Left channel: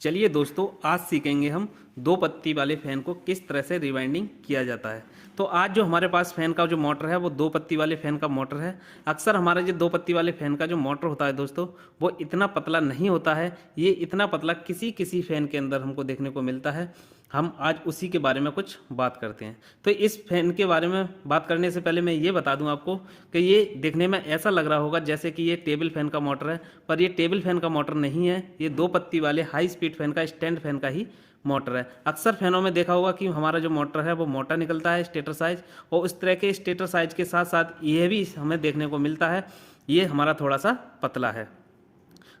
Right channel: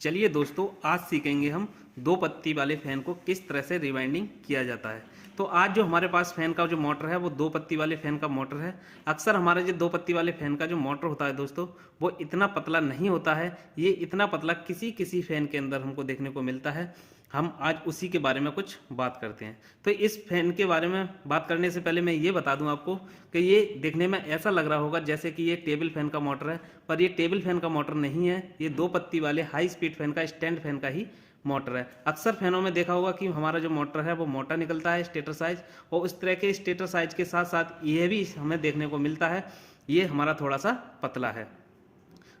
चलिए दोस्तों, आज सीखेंगे हम दो पत्ती वाले फ़ैन को किस तरह से रिवाइंडिंग किया जाता है। तो आज जो हमारे पास फ़ैन का जो मोटर है वो दो पत्ती वाले फ़ैन का मोटर है। अक्सर हमारे जो दो पत्ती वाले फ़ैन का जो मोटर होता है दोस्तों, वो इतना पतला नहीं होता है। ये इतना पतला किसी किसी फ़ैन के अंदर हमको देखने को मिलता है। हम आज उसी के बारे में कुछ बात करते हैं। तो इस फ़ैन के बारे में बात करने से पहले मैं ये बता दूं आपको कि ये देखने में ऐसा लग रहा होगा जैसे कि ये टेबल फ़ैन का मोटर है, पर ये टेबल फ़ैन का मोटर नहीं है। ये दो पत्ती वाले हाई स्पीड फ़ैन का स्टैंड फ़ैन का ही मोटर है। अक्सर फ़ैनों में देखा होगा कि हमारा जो मोटर है वो मोटा निकलता है स्टेटर साइज़, और उस तरह के स्टेटर साइज़ के साथ साथ ये भी हमें देखने को मिलता है, ये हमारा थोड़ा सा पतला है।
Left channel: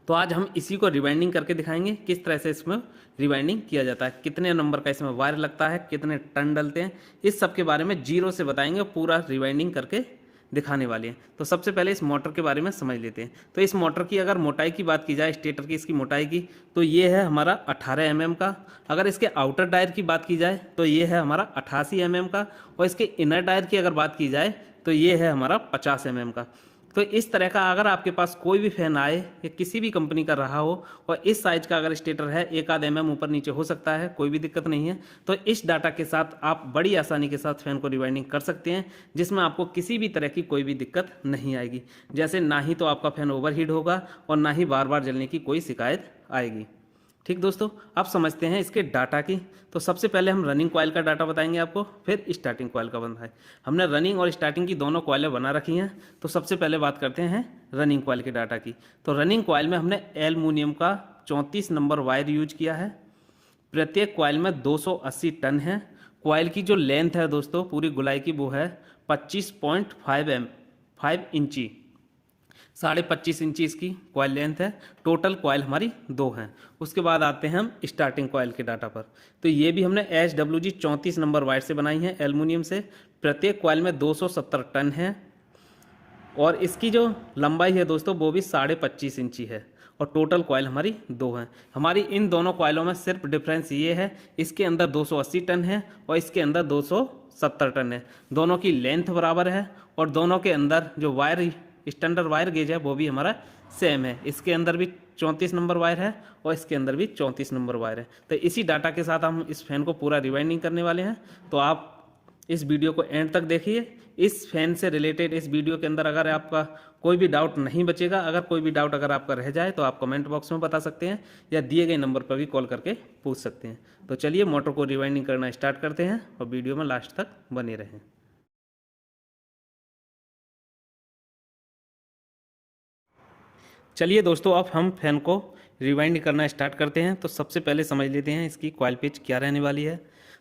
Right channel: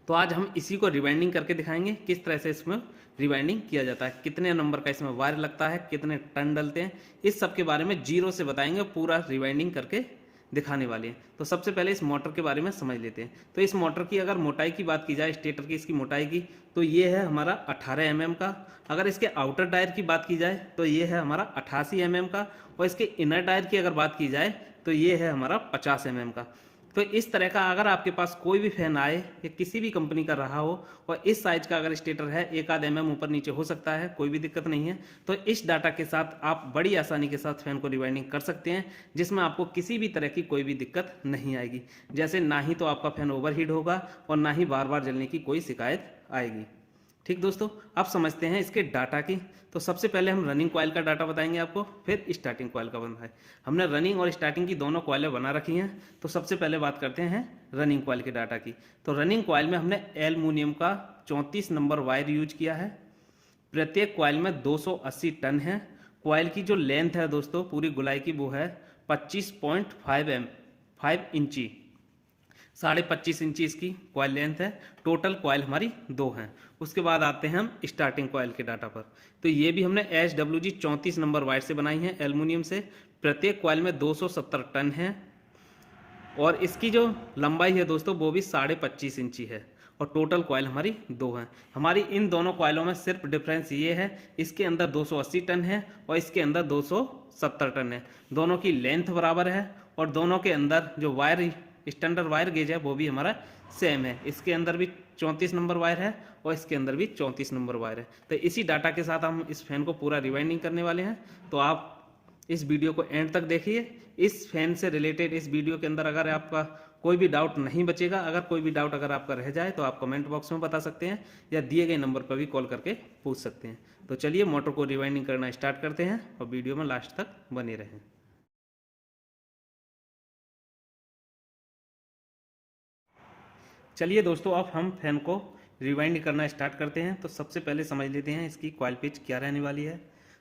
तो आज हम इसी को रिवाइंडिंग करके दिखाएंगे किस तरह से इसमें रिवाइंडिंग किया जाता है, कितने नंबर का इसमें वायर लगता है, कितने टर्न डलते हैं, इस सब के बारे में जीरो से बताएंगे, पूरा रिवाइंडिंग करके दिखाने वाले हैं। तो सबसे पहले इस मोटर के बारे में समझ लेते हैं। तो इस मोटर की अगर मोटाई की बात की जाए, स्टेटर की इसकी मोटाई की, तो ये है हमारा 18 mm का। अगर इसके आउटर टायर की बात की जाए तो ये है हमारा 88 mm का, और इसके इनर टायर की अगर बात की जाए तो ये है हमारा 50 mm का। तो इस तरह का अगर आपके पास कोई भी फैन आए या किसी भी कंपनी का रहा हो और इस साइज का अगर स्टेटर है, एक आध mm ऊपर नीचे हो सकता है, कोई भी दिक्कत नहीं है। तो इस डाटा के साथ आप बड़ी आसानी के साथ फैन को रिवाइंडिंग कर सकते हैं, जिसमें आपको किसी भी तरह की कोई भी दिक्कत नहीं आएगी। जैसे ना ही तो आपका फैन ओवरहीट होगा और ना ही बार बार जलने की कोई शिकायत आएगी। ठीक दोस्तों, आप समझते हैं इसके डाटा की। तो सबसे पहले हम रनिंग कॉइल का डाटा बताएंगे आपको, फिर स्टार्टिंग कॉइल का बनता है। हमने रनिंग और स्टार्टिंग की दोनों कॉइलें बना रखी हैं। तो सबसे पहले बात करते हैं रनिंग कॉइल के डाटा की। तो रनिंग कॉइल में हमने एल्युमिनियम का 34 नंबर वायर यूज किया है। प्रत्येक कॉइल में 280 टन है। कॉइल की जो लेंथ है दोस्तों पूरी गुलाई की, वो है 25.5 इंची, 25.5 इंची इसकी कॉइल लेंथ है। टोटल कॉइल हमारी दो हैं। उसके बाद आते हैं हम स्टार्टिंग कॉइल के डाटा पर। तो ये भी हमने SWG 34 नंबर वायर से बनाई है, एल्युमिनियम से। प्रत्येक कॉइल में 270 टन है, और इसकी जो लंबाई है दोस्तों वो भी 25.5 इंची है, और टोटल कॉइल हमारी दो हैं। हमारी इन दोनों कॉइलों में सिर्फ डिफरेंस ये है, इसके अंदर 280 टन है और इसके अंदर 270 टन है। दोनों की लेंथ बराबर है, और दोनों के अंदर जो वायर स्टैंडर्ड वायर गेज है वो भी हमारा सेम है। इसके अंदर भी 34 नंबर वायर है और इसके अंदर भी 34 नंबर वायर है। तो इसी डाटा के साथ हम इस फैन को पूरा रिवाइंडिंग करने वाले हैं। तो आप इस वीडियो को एंड तक देखिए। इस फैन से रिलेटेड इस वीडियो के अंदर अगर आपका कोई भी डाउट नहीं बचेगा, अगर कोई भी डाउट अगर आपका रह जाए तो आप कमेंट बॉक्स में बता सकते हैं, या दिए गए नंबर पर भी कॉल करके पूछ सकते हैं। तो चलिए मोटर को रिवाइंडिंग करना स्टार्ट करते हैं, और वीडियो में लास्ट तक बने रहें। चलिए दोस्तों, अब हम फैन को रिवाइंड करना स्टार्ट करते हैं। तो सबसे पहले समझ लेते हैं इसकी कॉइल पिच क्या रहने वाली है।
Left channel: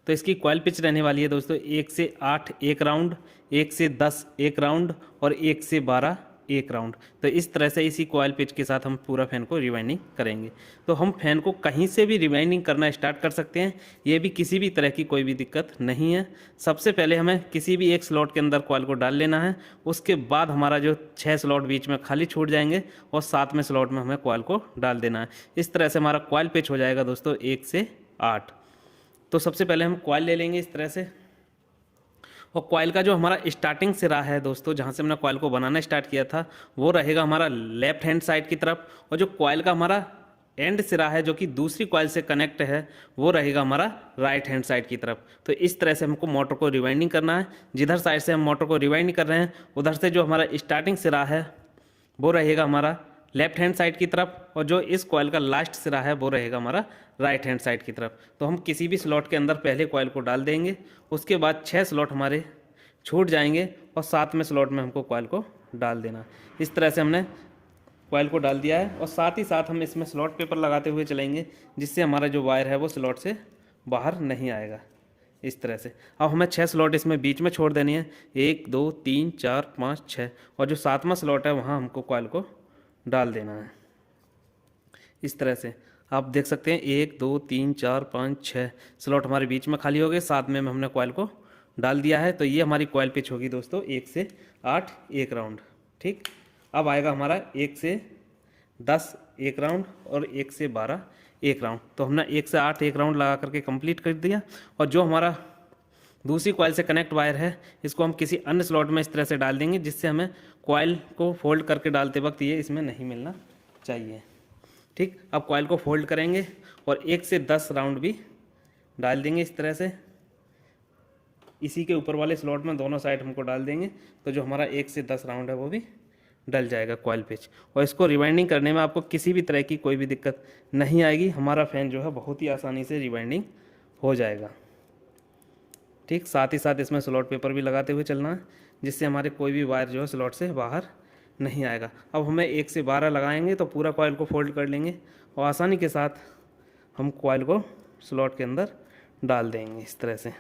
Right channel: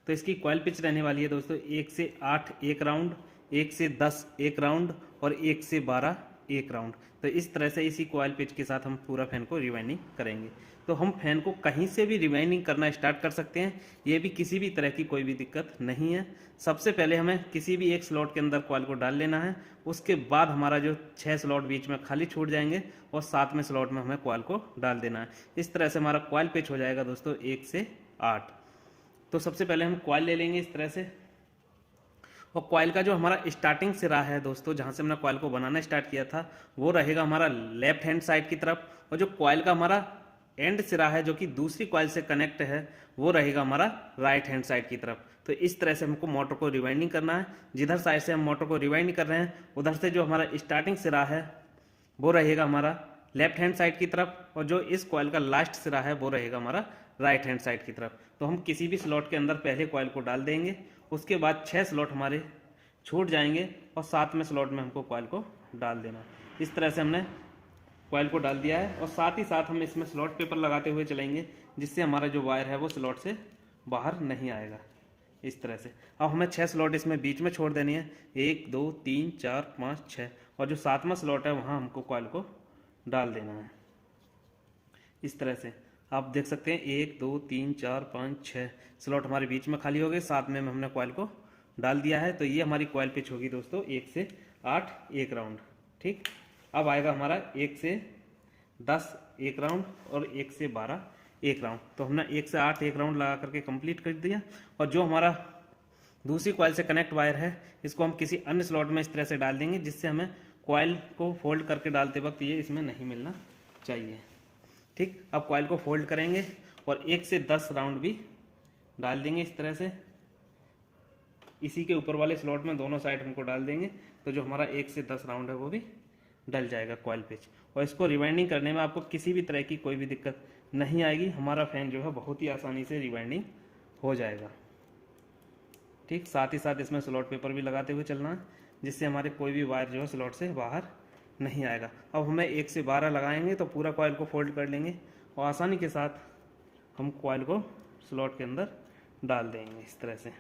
तो इसकी कॉइल पिच रहने वाली है दोस्तों 1 से 8 एक राउंड, 1 से 10 एक राउंड, और 1 से 12 एक राउंड। तो इस तरह से इसी कॉइल पिच के साथ हम पूरा फैन को रिवाइंडिंग करेंगे। तो हम फैन को कहीं से भी रिवाइंडिंग करना स्टार्ट कर सकते हैं, ये भी किसी भी तरह की कोई भी दिक्कत नहीं है। सबसे पहले हमें किसी भी एक स्लॉट के अंदर कॉइल को डाल लेना है। उसके बाद हमारा जो 6 स्लॉट बीच में खाली छूट जाएंगे, और 7वें स्लॉट में हमें कॉइल को डाल देना है। इस तरह से हमारा कॉइल पिच हो जाएगा दोस्तों 1 से 8। तो सबसे पहले हम कॉइल ले लेंगे इस तरह से, और कॉइल का जो हमारा स्टार्टिंग सिरा है दोस्तों, जहाँ से हमने कॉइल को बनाना स्टार्ट किया था, वो रहेगा हमारा लेफ्ट हैंड साइड की तरफ, और जो कॉइल का हमारा एंड सिरा है जो कि दूसरी कॉइल से कनेक्ट है, वो रहेगा हमारा राइट हैंड साइड की तरफ। तो इस तरह से हमको मोटर को रिवाइंडिंग करना है। जिधर साइड से हम मोटर को रिवाइंड कर रहे हैं, उधर से जो हमारा स्टार्टिंग सिरा है वो रहेगा हमारा लेफ्ट हैंड साइड की तरफ, और जो इस कॉइल का लास्ट सिरा है वो रहेगा हमारा राइट हैंड साइड की तरफ। तो हम किसी भी स्लॉट के अंदर पहले कॉइल को डाल देंगे, उसके बाद 6 स्लॉट हमारे छूट जाएंगे, और 7वें स्लॉट में हमको कॉइल को डाल देना। इस तरह से हमने कॉइल को डाल दिया है, और साथ ही साथ हम इसमें स्लॉट पेपर लगाते हुए चलेंगे, जिससे हमारा जो वायर है वो स्लॉट से बाहर नहीं आएगा। इस तरह से अब हमें 6 स्लॉट इसमें बीच में छोड़ देनी है, 1 2 3 4 5 6, और जो 7वां स्लॉट है वहाँ हमको कॉइल को डाल देना है। इस तरह से आप देख सकते हैं 1 2 3 4 5 6 स्लॉट हमारे बीच में खाली हो गए, 7वें में हमने कॉइल को डाल दिया है। तो ये हमारी कॉइल पिच होगी दोस्तों 1 से 8 एक राउंड। ठीक, अब आएगा हमारा 1 से 10 एक राउंड, और 1 से 12 एक राउंड। तो हमने 1 से 8 एक राउंड लगा करके कंप्लीट कर दिया। और जो हमारा दूसरी कॉइल से कनेक्ट वायर है, इसको हम किसी अन्य स्लॉट में इस तरह से डाल देंगे, जिससे हमें कॉइल को फोल्ड करके डालते वक्त ये इसमें नहीं मिलना चाहिए। ठीक, अब कॉइल को फोल्ड करेंगे और 1 से 10 राउंड भी डाल देंगे इस तरह से। इसी के ऊपर वाले स्लॉट में दोनों साइड हमको डाल देंगे, तो जो हमारा 1 से 10 राउंड है वो भी डल जाएगा कॉइल पिच। और इसको रिवाइंडिंग करने में आपको किसी भी तरह की कोई भी दिक्कत नहीं आएगी। हमारा फ़ैन जो है बहुत ही आसानी से रिवाइंडिंग हो जाएगा। ठीक, साथ ही साथ इसमें स्लॉट पेपर भी लगाते हुए चलना है, जिससे हमारे कोई भी वायर जो है स्लॉट से बाहर नहीं आएगा। अब हमें 1 से 12 लगाएंगे तो पूरा कॉइल को फोल्ड कर लेंगे और आसानी के साथ हम कॉइल को स्लॉट के अंदर डाल देंगे इस तरह से।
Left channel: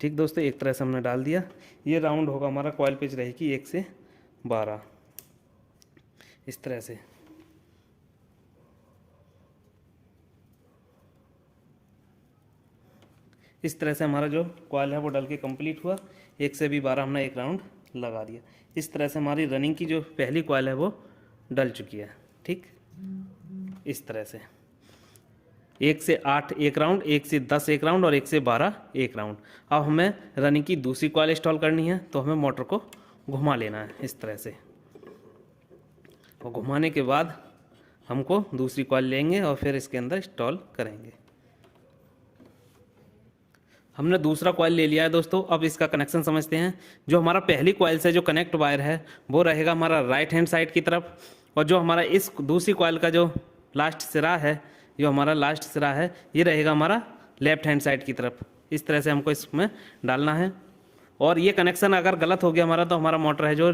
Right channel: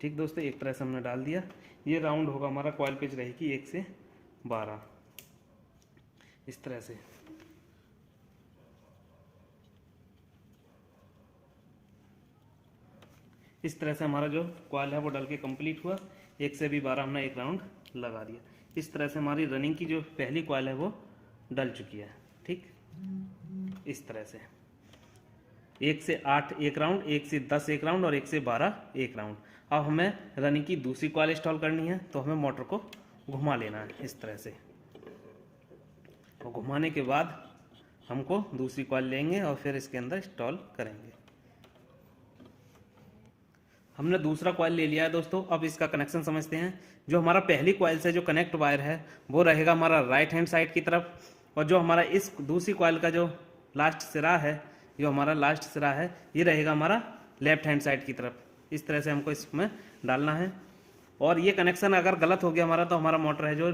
ठीक दोस्तों, एक तरह से हमने डाल दिया। ये राउंड होगा हमारा, कॉइल पिच रहेगी 1 से 12 इस तरह से। इस तरह से हमारा जो कॉइल है वो डल के कंप्लीट हुआ। 1 से भी 12 हमने एक राउंड लगा दिया। इस तरह से हमारी रनिंग की जो पहली कॉइल है वो डल चुकी है। ठीक, इस तरह से 1 से 8 एक राउंड, 1 से 10 एक राउंड और 1 से 12 एक राउंड। अब हमें रनिंग की दूसरी कॉइल इंस्टॉल करनी है, तो हमें मोटर को घुमा लेना है इस तरह से। और घुमाने के बाद हमको दूसरी कॉइल लेंगे और फिर इसके अंदर इंस्टॉल करेंगे। हमने दूसरा कॉइल ले लिया है दोस्तों। अब इसका कनेक्शन समझते हैं। जो हमारा पहली कॉइल से जो कनेक्ट वायर है वो रहेगा हमारा राइट हैंड साइड की तरफ, और जो हमारा इस दूसरी कॉइल का जो लास्ट सिरा है, जो हमारा लास्ट सिरा है, ये रहेगा हमारा लेफ्ट हैंड साइड की तरफ। इस तरह से हमको इसमें डालना है। और ये कनेक्शन अगर गलत हो गया हमारा, तो हमारा मोटर है जो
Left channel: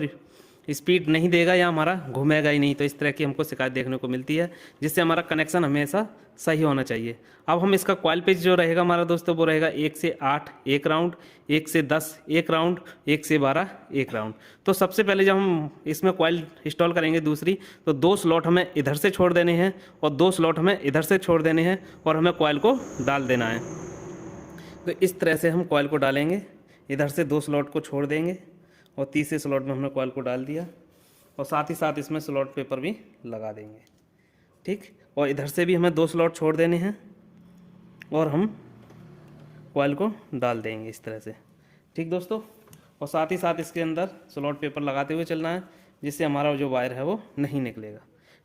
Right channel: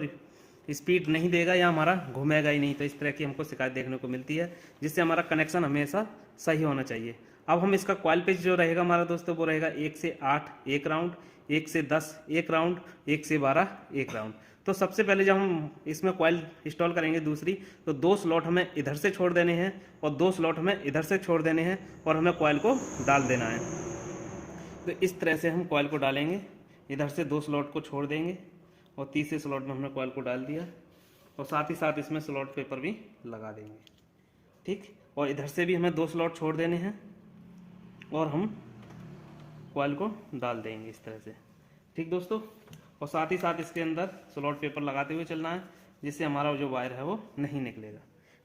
स्पीड नहीं देगा या हमारा घूमेगा ही नहीं। तो इस तरह की हमको शिकायत देखने को मिलती है, जिससे हमारा कनेक्शन हमेशा सही होना चाहिए। अब हम इसका कॉइल पिच जो रहेगा हमारा दोस्तों, वो रहेगा 1 से 8 एक राउंड, 1 से 10 एक राउंड, 1 से 12 एक राउंड। तो सबसे पहले जब हम इसमें कॉइल इंस्टॉल करेंगे दूसरी, तो 2 स्लॉट हमें इधर से छोड़ देने हैं और 2 स्लॉट हमें इधर से छोड़ देने हैं, और हमें कॉइल को डाल देना है। तो इस तरह से हम कॉइल को डालेंगे। इधर से 2 स्लॉट को छोड़ देंगे और तीसरे स्लॉट में हमने कॉइल को डाल दिया, और साथ ही साथ इसमें स्लॉट पेपर भी लगा देंगे। ठीक, और इधर से भी हमें 2 स्लॉट छोड़ देने हैं और हम कॉइल को डाल देंगे इस तरह से। ठीक दोस्तों, और साथ ही साथ इसके अंदर स्लॉट पेपर लगाते हुए चलना है, जिससे हमारा जो वायर है वो नहीं निकलेगा।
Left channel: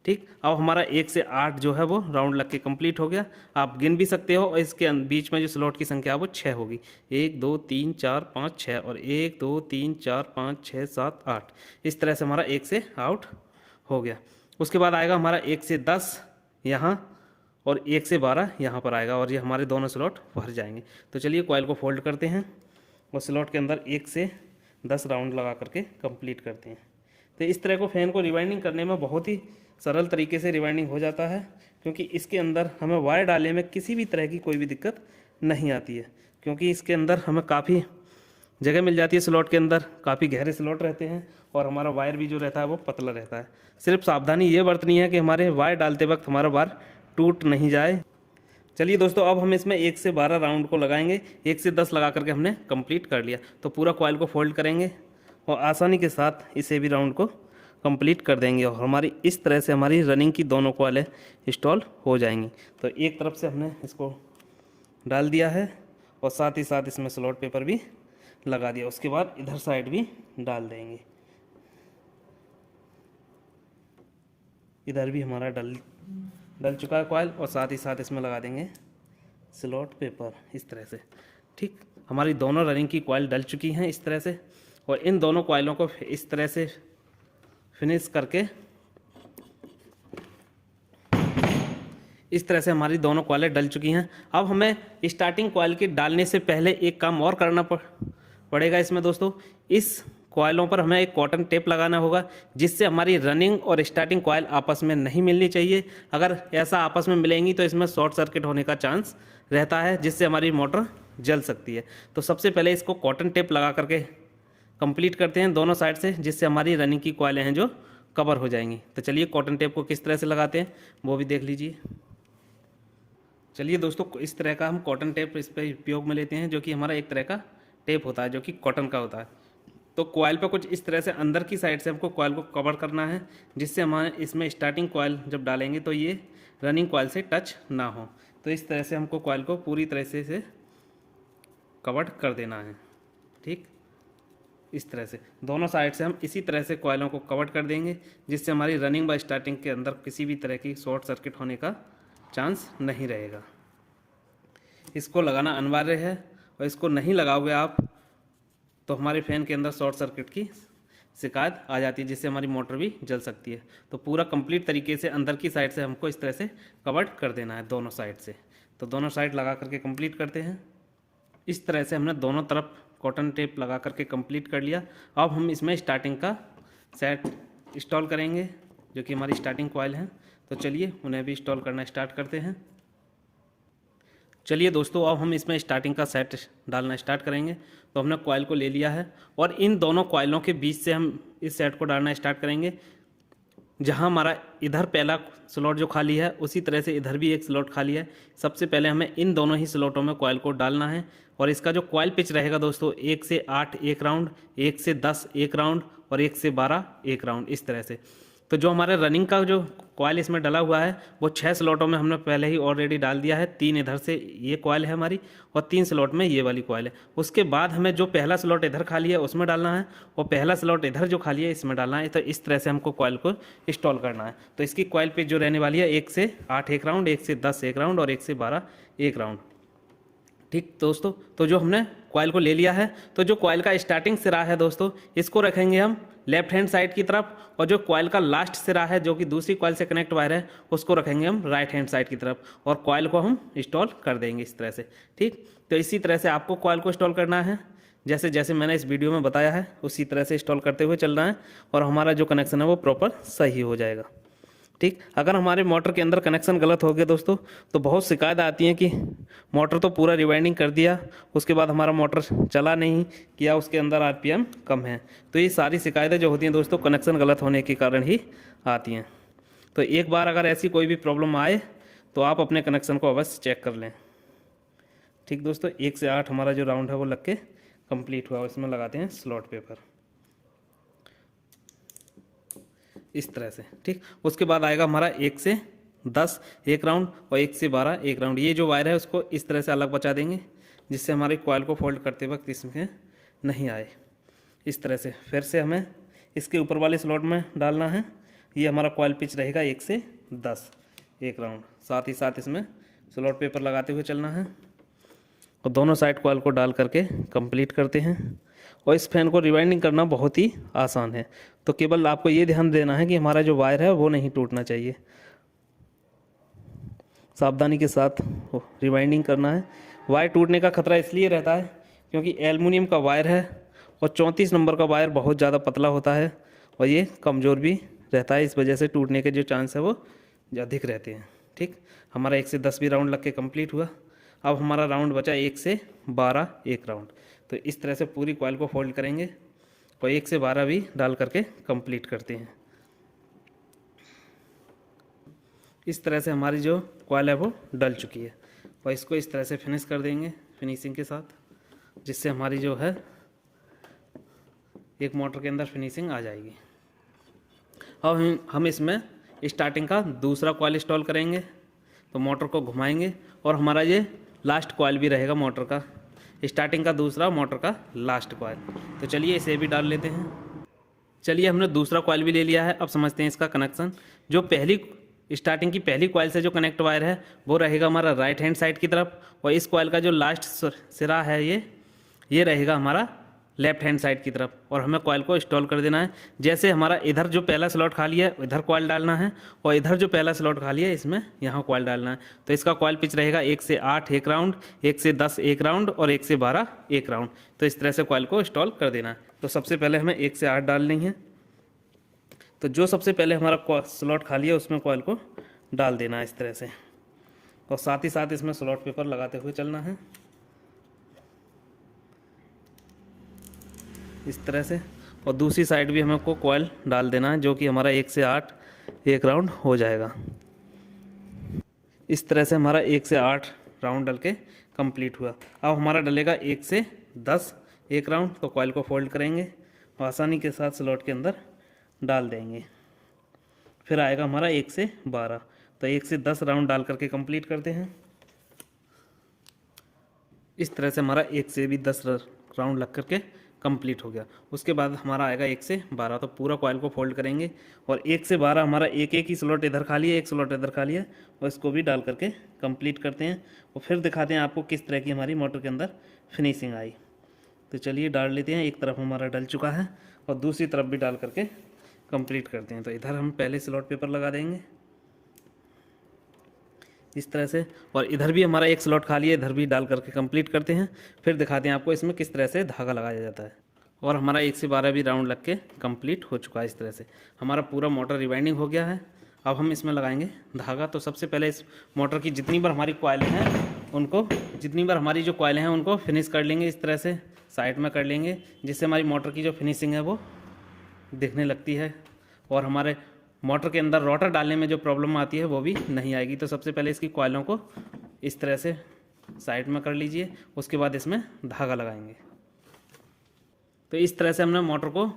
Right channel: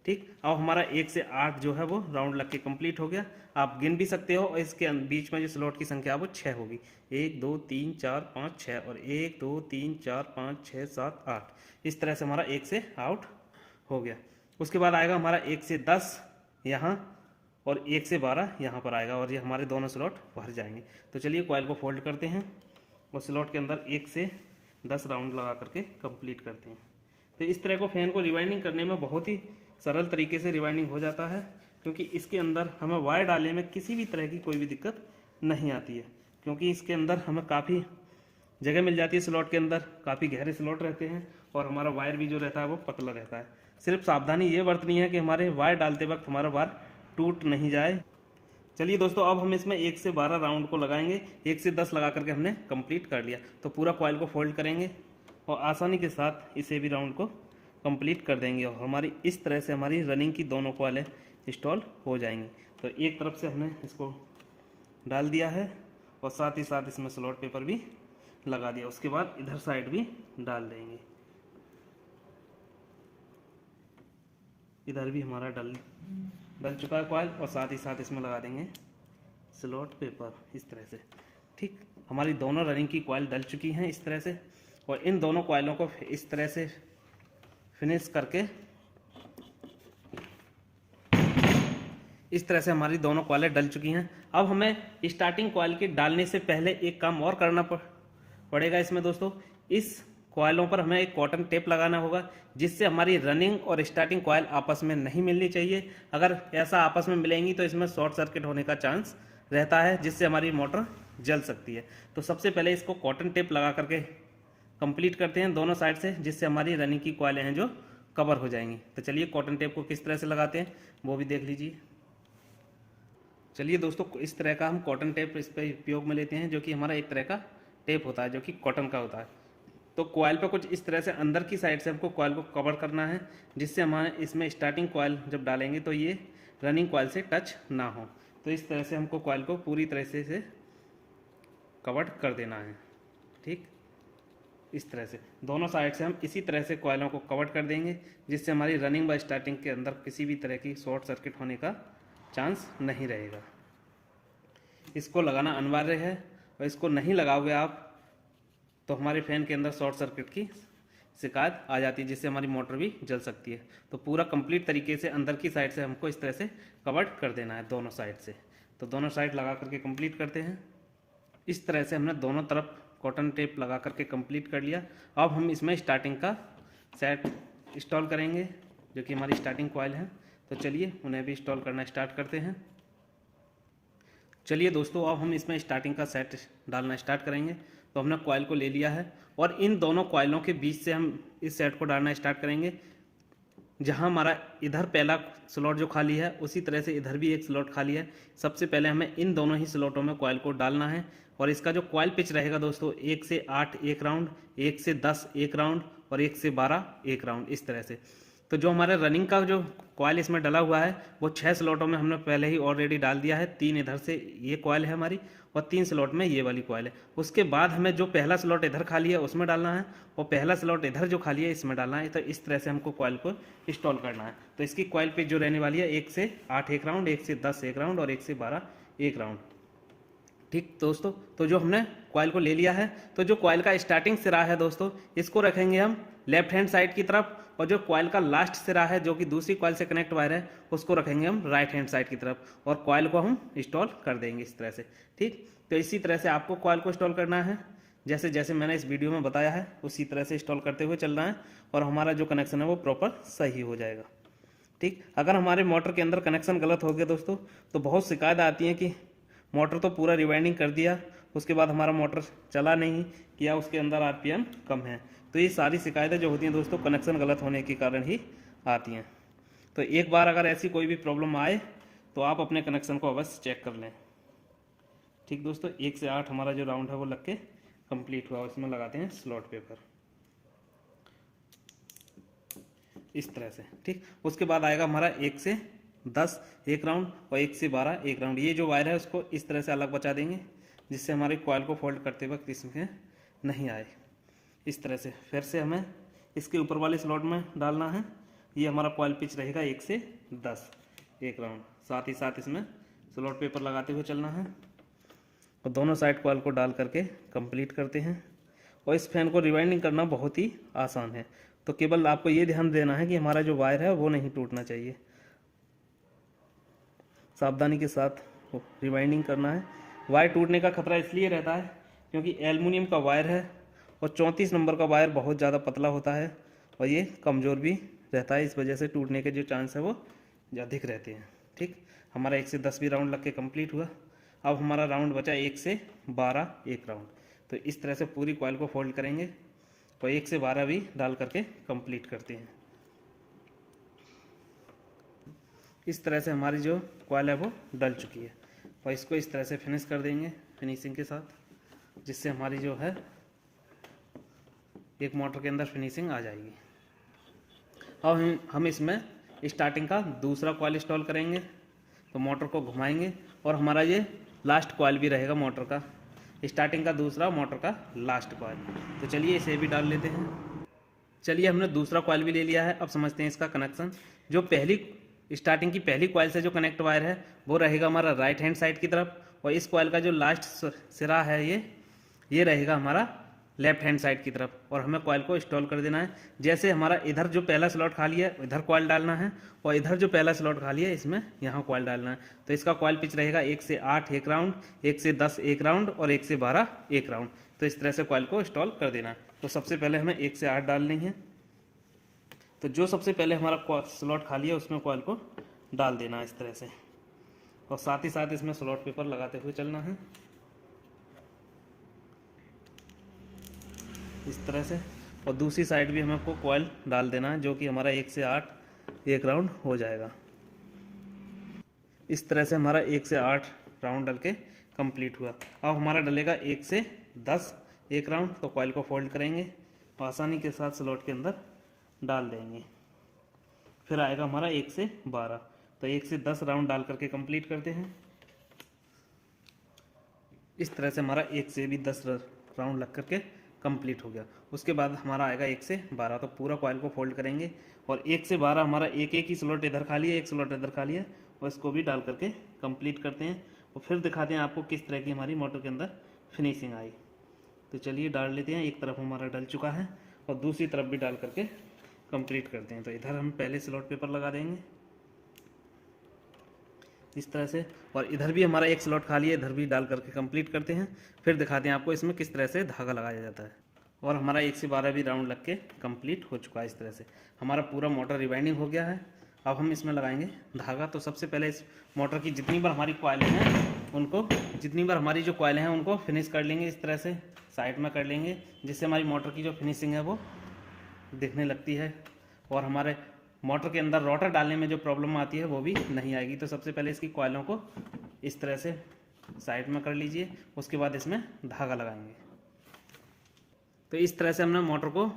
ठीक, अब हमारा 1 से 8 जो है वो राउंड लग के कंप्लीट हो गया। आप गिन भी सकते हो, और इसके बीच में जो स्लॉट की संख्या है वो 6 होगी। 1 2 3 4 5 6 और 1 2 3 4 5 6 7 8। इस तरह से हमारा 1 से आउट हो गया। उसके बाद आएगा हमारा 1 से 10 यहाँ और 1 से 12 यहाँ पर आएगा, और ये हमारे दोनों स्लॉट भर जाएंगे। तो चलिए कॉइल को फोल्ड करते हैं और स्लॉट के अंदर 1 से 10 राउंड लगा करके कंप्लीट करते हैं। तो इस तरह को फैन को रिवाइंडिंग करने में बहुत ही सरल तरीके से रिवाइंडिंग हो जाता है, क्योंकि इसके अंदर हमें वायर डालने में किसी भी तरह की कोई भी दिक्कत नहीं आती है, क्योंकि इसके अंदर हमें काफ़ी जगह मिल जाती है। स्लॉट के अंदर काफ़ी गहरे स्लॉट रहते हैं और हमारा वायर भी जो रहता है वो पतला रहता है। सिर्फ सावधानी ये बरतनी है कि हमारे वायर डालते वक्त हमारा वायर टूट नहीं जाए। चलिए दोस्तों, अब हम इसमें 1 से 12 राउंड को लगाएंगे। 1 से 10 लगा करके हमने कंप्लीट कर लिया। तो पूरा कॉइल को फोल्ड करेंगे और आसानी के साथ इसे भी राउंड को कंप्लीट कर देंगे, और हमारी इस तरह से हमारी रनिंग की दोनों कॉइलें इंस्टॉल हो जाएंगी। तो एक तरफ से हमने इसको डाल दिया है और साथ ही साथ इसमें स्लॉट पेपर भी लगा दिया। उसके बाद इधर साइड भी डाल देंगे। इधर भी हमारा डल चुका है कॉइल, और साथ ही साथ इसमें लगा देंगे स्लॉट पेपर इस तरह से। ठीक, हमारी दोनों रनिंग की कॉइल डल चुकी हैं इस तरह से, और इन दोनों कॉइलों को इस तरह से फिनिश करके इस तरह से हमारी दोनों कॉइलें डल चुकी हैं। अब हमें स्टार्टिंग कॉइल के डालने से पहले एक काम और करना पड़ेगा इसमें दोस्तों। इस कॉइलों पर हमें एक कॉटन टेप लगाना होगा, जिससे हमारी रनिंग और स्टार्टिंग कॉइल आपस में नहीं मिलनी चाहिए। अगर ऐसा आपस में मिलेंगी तो इसमें शॉर्ट सर्किट होने का चांस रहता है, जिससे हमारी मोटर जल सकती है। तो सबसे पहले इसको कॉटन टेप लगा करके कंप्लीट करते हैं दोनों साइड से, जिससे हमारी रनिंग की कॉइलें हैं जो कवर हो जाएंगी। तो चलिए कॉटन टेप को किस तरह से लगाते हैं वो भी देख लीजिए। चलिए दोस्तों, इस तरह का हम कॉटन टेप इस पर उपयोग में लेते हैं, जो कि हमारा एक तरह का टेप होता है जो कि कॉटन का होता है। तो कॉइल पर कुछ इस तरह से अंदर की साइड से हमको कॉइल को कवर करना है, जिससे हमारे इसमें स्टार्टिंग कॉइल जब डालेंगे तो ये रनिंग कॉइल से टच ना हो। तो इस तरह से हमको कॉइल को पूरी तरह से कवर कर देना है। ठीक, इस तरह से दोनों साइड से हम इसी तरह से कॉइलों को कवर कर देंगे, जिससे हमारी रनिंग व स्टार्टिंग के अंदर किसी भी तरह की शॉर्ट सर्किट होने का चांस नहीं रहेगा। इसको लगाना अनिवार्य है, और इसको नहीं लगाओगे आप तो हमारे फ़ैन के अंदर शॉर्ट सर्किट की शिकायत आ जाती है, जिससे हमारी मोटर भी जल सकती है। तो पूरा कंप्लीट तरीके से अंदर की साइड से हमको इस तरह से कवर कर देना है दोनों साइड से। तो दोनों साइड लगा करके कंप्लीट करते हैं। इस तरह से हमने दोनों तरफ कॉटन टेप लगा करके कंप्लीट कर लिया। अब हम इसमें स्टार्टिंग का सेट इंस्टॉल करेंगे, जो कि हमारी स्टार्टिंग कॉइल है। तो चलिए उन्हें भी इंस्टॉल करना स्टार्ट करते हैं। चलिए दोस्तों, अब हम इसमें स्टार्टिंग का सेट डालना स्टार्ट करेंगे। तो हमने कॉइल को ले लिया है, और इन दोनों कॉइलों के बीच से हम इस सेट को डालना स्टार्ट करेंगे। जहां हमारा इधर पहला स्लॉट जो खाली है, उसी तरह से इधर भी एक स्लॉट खाली है। सबसे पहले हमें इन दोनों ही स्लॉटों में कॉइल को डालना है, और इसका जो कॉइल पिच रहेगा दोस्तों 1 से 8 एक राउंड, 1 से 10 एक राउंड, और 1 से 12 एक राउंड, इस तरह से। तो जो हमारे रनिंग का जो कॉइल इसमें डला हुआ है वो 6 स्लॉटों में हमने पहले ही ऑलरेडी डाल दिया है। 3 इधर से ये कॉइल है हमारी, और 3 स्लॉट में ये वाली कॉइल है। उसके बाद हमें जो पहला स्लॉट इधर खाली है उसमें डालना है, और पहला स्लॉट इधर जो खाली है इसमें डालना है। तो इस तरह से हमको कॉइल को इंस्टॉल करना है। तो इसकी कॉइल पिच जो रहने वाली है 1 से 8 एक राउंड, 1 से 10 एक राउंड, और 1 से 12 एक राउंड। ठीक दोस्तों, तो जो हमने कॉइल को ले लिया है, तो जो कॉइल का स्टार्टिंग सिरा है दोस्तों, इसको रखेंगे हम लेफ्ट हैंड साइड की तरफ, और जो कॉइल का लास्ट सिरा है जो कि दूसरी कॉइल से कनेक्ट वायर है, उसको रखेंगे हम राइट हैंड साइड की तरफ, और कॉइल को हम इंस्टॉल कर देंगे इस तरह से। ठीक, तो इसी तरह से आपको कॉइल को इंस्टॉल करना है, जैसे जैसे मैंने इस वीडियो में बताया है उसी तरह से इंस्टॉल करते हुए चलना है, और हमारा जो कनेक्शन है वो प्रॉपर सही हो जाएगा। ठीक, अगर हमारे मोटर के अंदर कनेक्शन गलत हो गया दोस्तों, तो बहुत शिकायत आती है कि मोटर तो पूरा रिवाइंडिंग कर दिया, उसके बाद हमारा मोटर चला नहीं, या उसके अंदर आरपीएम कम है। तो ये सारी शिकायतें जो होती हैं दोस्तों, कनेक्शन गलत होने के कारण ही आती हैं। तो एक बार अगर ऐसी कोई भी प्रॉब्लम आए तो आप अपने कनेक्शन को अवश्य चेक कर लें। ठीक दोस्तों, 1 से 8 हमारा जो राउंड है वो लग के कंप्लीट हुआ। इसमें लगाते हैं स्लॉट पेपर इस तरह से। ठीक, उसके बाद आएगा हमारा 1 से 10 एक राउंड, और 1 से 12 एक राउंड। ये जो वायर है उसको इस तरह से अलग बचा देंगे, जिससे हमारी कॉइल को फोल्ड करते वक्त इसमें नहीं आए। इस तरह से फिर से हमें इसके ऊपर वाले स्लॉट में डालना है। ये हमारा कॉइल पिच रहेगा 1 से 10 एक राउंड। साथ ही साथ इसमें स्लॉट पेपर लगाते हुए चलना है, और दोनों साइड कॉइल को डाल करके कंप्लीट करते हैं। और इस फैन को रिवाइंडिंग करना बहुत ही आसान है। तो केवल आपको ये ध्यान देना है कि हमारा जो वायर है वो नहीं टूटना चाहिए। सावधानी के साथ रिवाइंडिंग करना है। वायर टूटने का खतरा इसलिए रहता है क्योंकि एल्युमिनियम का वायर है, और 34 नंबर का वायर बहुत ज़्यादा पतला होता है, और ये कमज़ोर भी रहता है। इस वजह से टूटने के जो चांस है वो अधिक रहते हैं। ठीक, हमारा 1 से 10 भी राउंड लग के कम्प्लीट हुआ। अब हमारा राउंड बचा 1 से 12 एक राउंड। तो इस तरह से पूरी कॉइल को फोल्ड करेंगे, और 1 से 12 भी डाल करके कंप्लीट करते हैं। इस तरह से हमारी जो कॉइल है वो डल चुकी है, और इसको इस तरह से फिनिश कर देंगे फिनिशिंग के साथ, जिससे हमारी जो है एक मोटर के अंदर फिनिशिंग आ जाएगी। अब हम इसमें स्टार्टिंग का दूसरा कॉइल इंस्टॉल करेंगे। तो मोटर को घुमाएंगे, और हमारा ये लास्ट कॉइल भी रहेगा मोटर का, स्टार्टिंग का दूसरा, मोटर का लास्ट कॉइल। तो चलिए इसे भी डाल लेते हैं। चलिए हमने दूसरा कॉइल भी ले लिया है। अब समझते हैं इसका कनेक्शन। जो पहली स्टार्टिंग की पहली कॉइल से जो कनेक्ट वायर है वो रहेगा हमारा राइट हैंड साइड की तरफ, और इस कॉइल का जो लास्ट सिरा है ये रहेगा हमारा लेफ्ट हैंड साइड की तरफ, और हमें कॉइल को इंस्टॉल कर देना है। जैसे हमारा इधर जो पहला स्लॉट खाली है इधर कॉइल डालना है, और इधर जो पहला स्लॉट खाली है इसमें यहाँ कॉइल डालना है। तो इसका कॉइल पिच रहेगा 1 से 8 एक राउंड, 1 से 10 एक राउंड, और 1 से 12 एक राउंड। तो इस तरह से कॉइल को इंस्टॉल कर देना है। तो सबसे पहले हमें 1 से 8 डालनी है। तो जो सबसे पहले हमारा स्लॉट खाली है उसमें कॉइल को डाल देना है इस तरह से, और साथ ही साथ इसमें स्लॉट पेपर लगाते हुए चलना है इस तरह से। और दूसरी साइड भी हमें को कॉइल डाल देना है, जो कि हमारा 1 से 8 एक राउंड हो जाएगा। इस तरह से हमारा 1 से 8 राउंड डल के कंप्लीट हुआ। अब हमारा डलेगा 1 से 10 एक राउंड। तो कॉइल को फोल्ड करेंगे, आसानी के साथ स्लॉट के अंदर डाल देंगे। फिर आएगा हमारा 1 से 12। तो 1 से 10 राउंड डाल करके कंप्लीट करते हैं। इस तरह से हमारा 1 से भी 10 राउंड लग करके कंप्लीट हो गया। उसके बाद हमारा आएगा 1 से 12, तो पूरा कॉइल को फोल्ड करेंगे और 1 से 12 हमारा एक एक ही स्लॉट इधर खाली है, एक स्लॉट इधर खाली है, और इसको भी डाल करके कंप्लीट करते हैं और फिर दिखाते हैं आपको किस तरह की हमारी मोटर के अंदर फिनिशिंग आई। तो चलिए डाल लेते हैं। एक तरफ हमारा डल चुका है और दूसरी तरफ भी डाल करके कंप्लीट करते हैं। तो इधर हम पहले स्लॉट पेपर लगा देंगे इस तरह से, और इधर भी हमारा एक स्लॉट खाली है, इधर भी डाल करके कंप्लीट करते हैं। फिर दिखाते हैं आपको इसमें किस तरह से धागा लगाया जाता है। और हमारा 1 से 12 भी राउंड लग के कंप्लीट हो चुका है। इस तरह से हमारा पूरा मोटर रिवाइंडिंग हो गया है। अब हम इसमें लगाएंगे धागा। तो सबसे पहले इस मोटर की जितनी बार हमारी कॉइलें हैं उनको, जितनी बार हमारी जो कॉइलें हैं उनको फिनिश कर लेंगे, इस तरह से साइड में कर लेंगे, जिससे हमारी मोटर की जो फिनिशिंग है वो दिखने लगती है और हमारे मोटर के अंदर रोटर डालने में जो प्रॉब्लम आती है वो भी नहीं आएगी। तो सबसे पहले इसकी कॉइलों को इस तरह से साइड में कर लीजिए, उसके बाद इसमें धागा लगाएंगे। तो इस तरह से हमने मोटर को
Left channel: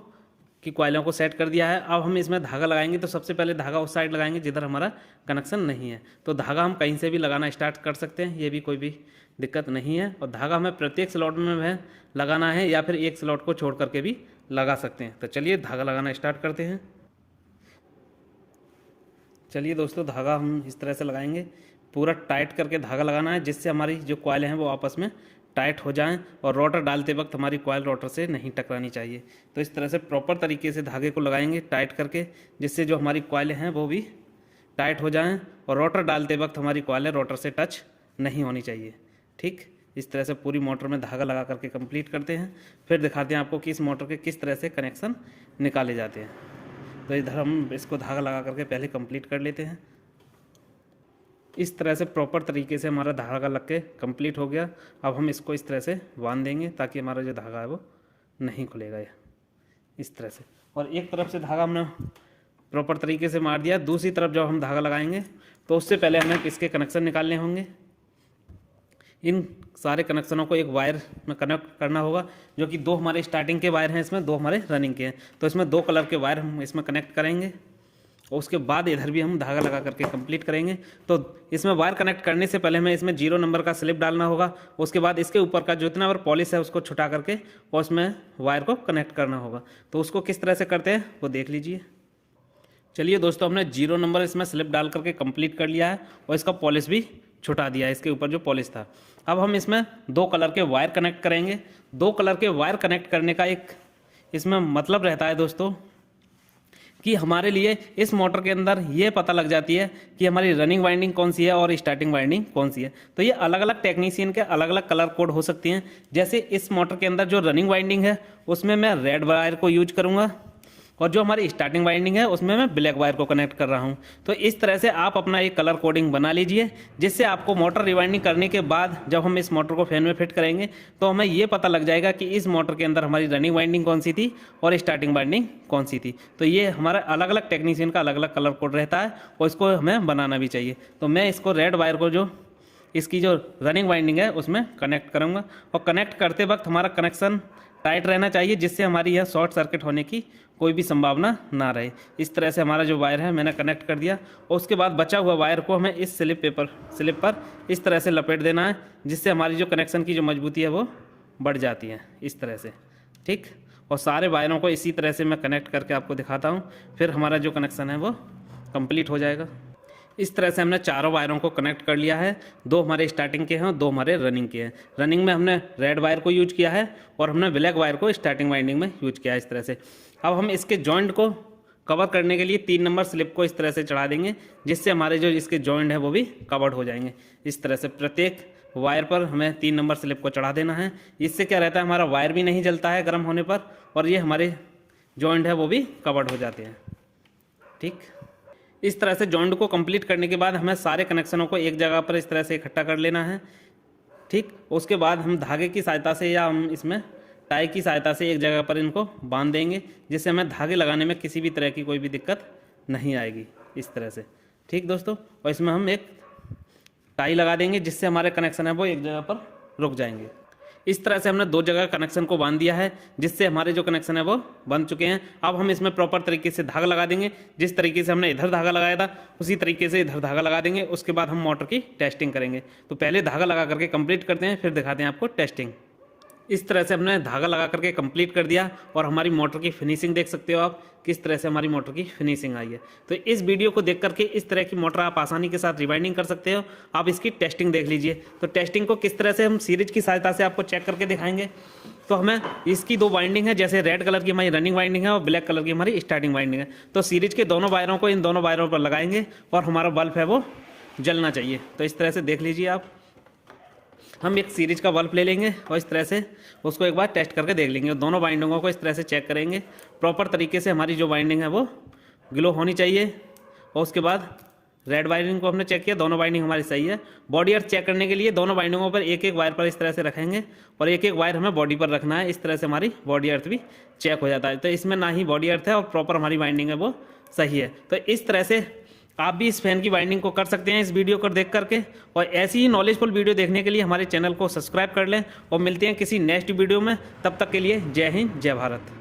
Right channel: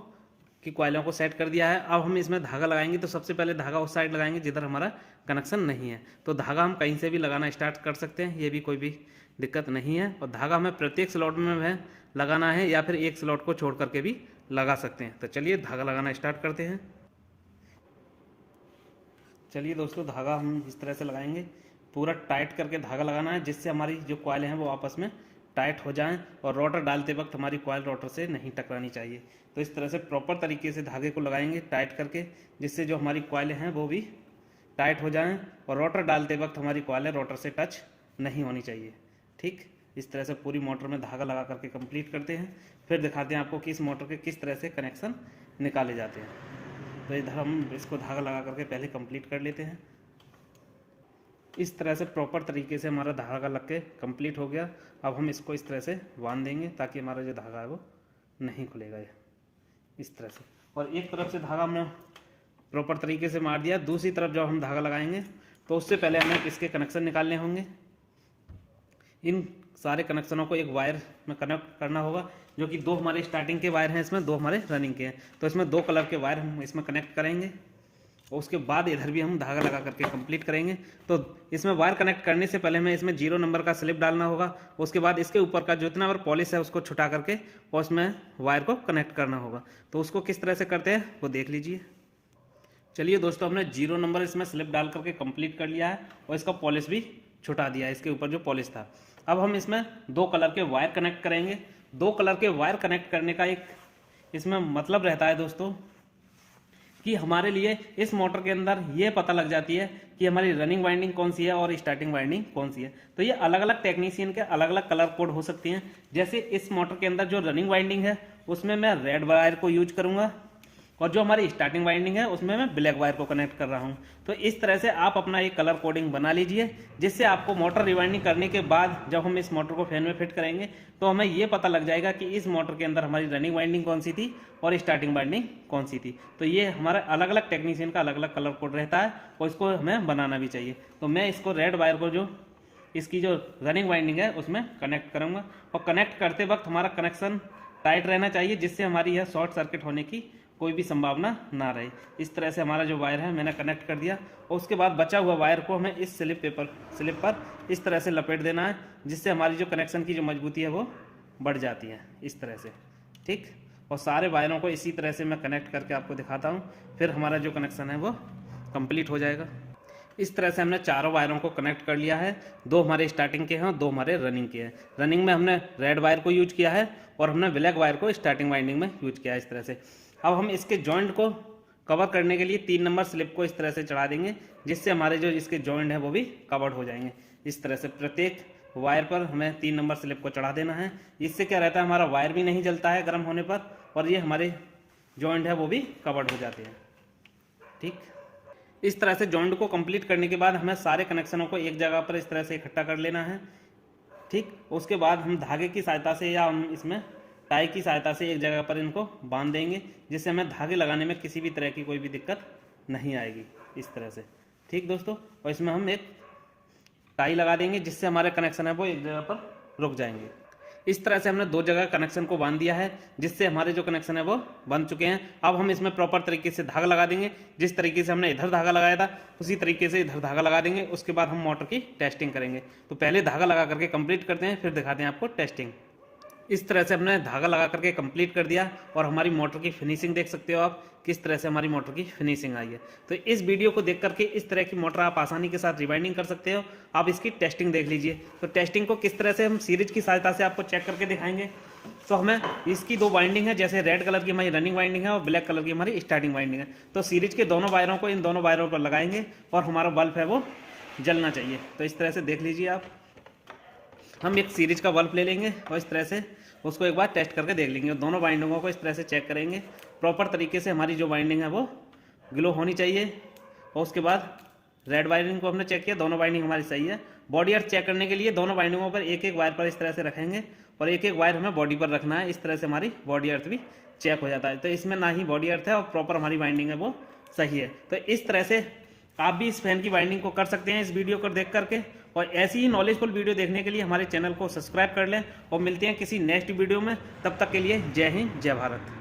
की कॉइलों को सेट कर दिया है। अब हम इसमें धागा लगाएंगे। तो सबसे पहले धागा उस साइड लगाएंगे जिधर हमारा कनेक्शन नहीं है। तो धागा हम कहीं से भी लगाना स्टार्ट कर सकते हैं, ये भी कोई भी दिक्कत नहीं है। और धागा हमें प्रत्येक स्लॉट में लगाना है या फिर एक स्लॉट को छोड़ करके भी लगा सकते हैं। तो चलिए धागा लगाना स्टार्ट करते हैं। चलिए दोस्तों, धागा हम इस तरह से लगाएंगे, पूरा टाइट करके धागा लगाना है, जिससे हमारी जो कॉइल हैं वो आपस में टाइट हो जाएं और रोटर डालते वक्त हमारी कॉइल रोटर से नहीं टकरानी चाहिए। तो इस तरह से प्रॉपर तरीके से धागे को लगाएंगे टाइट करके, जिससे जो हमारी कॉइलें हैं वो भी टाइट हो जाएं और रोटर डालते वक्त हमारी कॉइलें रोटर से टच नहीं होनी चाहिए। ठीक, इस तरह से पूरी मोटर में धागा लगा करके कंप्लीट करते हैं। फिर दिखाते हैं आपको कि इस मोटर के किस तरह से कनेक्शन निकाले जाते हैं। तो इधर हम इसको धागा लगा करके पहले कंप्लीट कर लेते हैं। इस तरह से प्रॉपर तरीके से हमारा धागा लग के कंप्लीट हो गया। अब हम इसको इस तरह से बांध देंगे ताकि हमारा जो धागा है वो नहीं खुलेगा इस तरह से। और एक तरफ से धागा हमने प्रॉपर तरीके से मार दिया, दूसरी तरफ जब हम धागा लगाएंगे तो उससे पहले हमें इसके कनेक्शन निकालने होंगे। इन सारे कनेक्शनों को एक वायर में कनेक्ट करना होगा, जो कि 2 हमारे स्टार्टिंग के वायर हैं, इसमें 2 हमारे रनिंग के हैं। तो इसमें 2 कलर के वायर हम इसमें कनेक्ट करेंगे और उसके बाद इधर भी हम धागा लगा करके कंप्लीट करेंगे। तो इसमें वायर कनेक्ट करने से पहले हमें इसमें 0 नंबर का स्लिप डालना होगा। उसके बाद इसके ऊपर का जितना और पॉलिश है उसको छुटा करके और उसमें वायर को कनेक्ट करना होगा। तो उसको किस तरह से करते हैं वो देख लीजिए। चलिए दोस्तों, हमने 0 नंबर इसमें स्लिप डाल करके कंप्लीट कर लिया है और इसका पॉलिश भी छुटा दिया है, इसके ऊपर जो पॉलिश था। अब हम इसमें 2 कलर के वायर कनेक्ट करेंगे। 2 कलर के वायर कनेक्ट करने का एक इसमें मतलब रहता है दोस्तों कि हमारे लिए इस मोटर के अंदर ये पता लग जाती है कि हमारी रनिंग वाइंडिंग कौन सी है और स्टार्टिंग वाइंडिंग कौन सी है। तो ये अलग अलग टेक्नीशियन के अलग अलग कलर कोड हो सकती हैं। जैसे इस मोटर के अंदर जो रनिंग वाइंडिंग है उसमें मैं रेड वायर को यूज करूँगा और जो हमारी स्टार्टिंग वाइंडिंग है उसमें मैं ब्लैक वायर को कनेक्ट कर रहा हूं। तो इस तरह से आप अपना एक कलर कोडिंग बना लीजिए, जिससे आपको मोटर रिवाइंडिंग करने के बाद जब हम इस मोटर को फैन में फिट करेंगे तो हमें ये पता लग जाएगा कि इस मोटर के अंदर हमारी रनिंग वाइंडिंग कौन सी थी और स्टार्टिंग वाइंडिंग कौन सी थी। तो ये हमारा अलग अलग टेक्नीशियन का अलग अलग कलर कोड रहता है और इसको हमें बनाना भी चाहिए। तो मैं इसको रेड वायर को जो इसकी जो रनिंग वाइंडिंग है उसमें कनेक्ट करूँगा और कनेक्ट करते वक्त हमारा कनेक्शन टाइट रहना चाहिए, जिससे हमारी यह शॉर्ट सर्किट होने की कोई भी संभावना ना रहे। इस तरह से हमारा जो वायर है मैंने कनेक्ट कर दिया और उसके बाद बचा हुआ वायर को हमें इस स्लिप पर इस तरह से लपेट देना है, जिससे हमारी जो कनेक्शन की जो मजबूती है वो बढ़ जाती है इस तरह से। ठीक, और सारे वायरों को इसी तरह से मैं कनेक्ट करके आपको दिखाता हूँ, फिर हमारा जो कनेक्शन है वो कंप्लीट हो जाएगा। इस तरह से हमने चारों वायरों को कनेक्ट कर लिया है। 2 हमारे स्टार्टिंग के हैं और 2 हमारे रनिंग के हैं। रनिंग में हमने रेड वायर को यूज किया है और हमने ब्लैक वायर को स्टार्टिंग वाइंडिंग में यूज किया है इस तरह से। अब हम इसके जॉइंट को कवर करने के लिए 3 नंबर स्लिप को इस तरह से चढ़ा देंगे, जिससे हमारे जो इसके जॉइंट है वो भी कवर्ड हो जाएंगे। इस तरह से प्रत्येक वायर पर हमें 3 नंबर स्लिप को चढ़ा देना है। इससे क्या रहता है, हमारा वायर भी नहीं जलता है गर्म होने पर और ये हमारे जॉइंट है वो भी कवर्ड हो जाते हैं। ठीक, इस तरह से जॉइंट को कंप्लीट करने के बाद हमें सारे कनेक्शनों को एक जगह पर इस तरह से इकट्ठा कर लेना है। ठीक, उसके बाद हम धागे की सहायता से या हम इसमें टाई की सहायता से एक जगह पर इनको बांध देंगे, जिससे हमें धागे लगाने में किसी भी तरह की कोई भी दिक्कत नहीं आएगी इस तरह से। ठीक दोस्तों, और इसमें हम एक टाई लगा देंगे, जिससे हमारे कनेक्शन है वो एक जगह पर रुक जाएंगे। इस तरह से हमने 2 जगह कनेक्शन को बांध दिया है, जिससे हमारे जो कनेक्शन है वो बन चुके हैं। अब हम इसमें प्रॉपर तरीके से धागा लगा देंगे। जिस तरीके से हमने इधर धागा लगाया था उसी तरीके से इधर धागा लगा देंगे। उसके बाद हम मोटर की टेस्टिंग करेंगे। तो पहले धागा लगा करके कंप्लीट करते हैं, फिर दिखाते हैं आपको टेस्टिंग। इस तरह से हमने धागा लगा करके कंप्लीट कर दिया और हमारी मोटर की फिनिशिंग देख सकते हो आप किस तरह से हमारी मोटर की फिनिशिंग आई है। तो इस वीडियो को देख करके इस तरह की मोटर आप आसानी के साथ रिवाइंडिंग कर सकते हो। आप इसकी टेस्टिंग देख लीजिए। तो टेस्टिंग को किस तरह से हम सीरीज की सहायता से आपको चेक करके दिखाएंगे। तो हमें इसकी दो वाइंडिंग है, जैसे रेड कलर की हमारी रनिंग वाइंडिंग है और ब्लैक कलर की हमारी स्टार्टिंग वाइंडिंग है। तो सीरीज के दोनों वायरों को इन दोनों वायरों पर लगाएंगे और हमारा बल्ब है वो जलना चाहिए। तो इस तरह से देख लीजिए आप, हम एक सीरीज का बल्ब ले लेंगे और इस तरह से उसको एक बार टेस्ट करके देख लेंगे। दोनों वाइंडिंगों को इस तरह से चेक करेंगे, प्रॉपर तरीके से हमारी जो वाइंडिंग है वो ग्लो होनी चाहिए। और उसके बाद रेड वाइंडिंग को हमने चेक किया, दोनों वाइंडिंग हमारी सही है। बॉडी अर्थ चेक करने के लिए दोनों वाइंडिंगों पर एक एक वायर पर इस तरह से रखेंगे और एक एक वायर हमें बॉडी पर रखना है। इस तरह से हमारी बॉडी अर्थ भी चेक हो जाता है। तो इसमें ना ही बॉडी अर्थ है और प्रॉपर हमारी वाइंडिंग है वो सही है। तो इस तरह से आप भी इस फैन की वाइंडिंग को कर सकते हैं इस वीडियो को देख करके। और ऐसी ही नॉलेजफुल वीडियो देखने के लिए हमारे चैनल को सब्सक्राइब कर लें और मिलते हैं किसी नेक्स्ट वीडियो में। तब तक के लिए जय हिंद, जय भारत।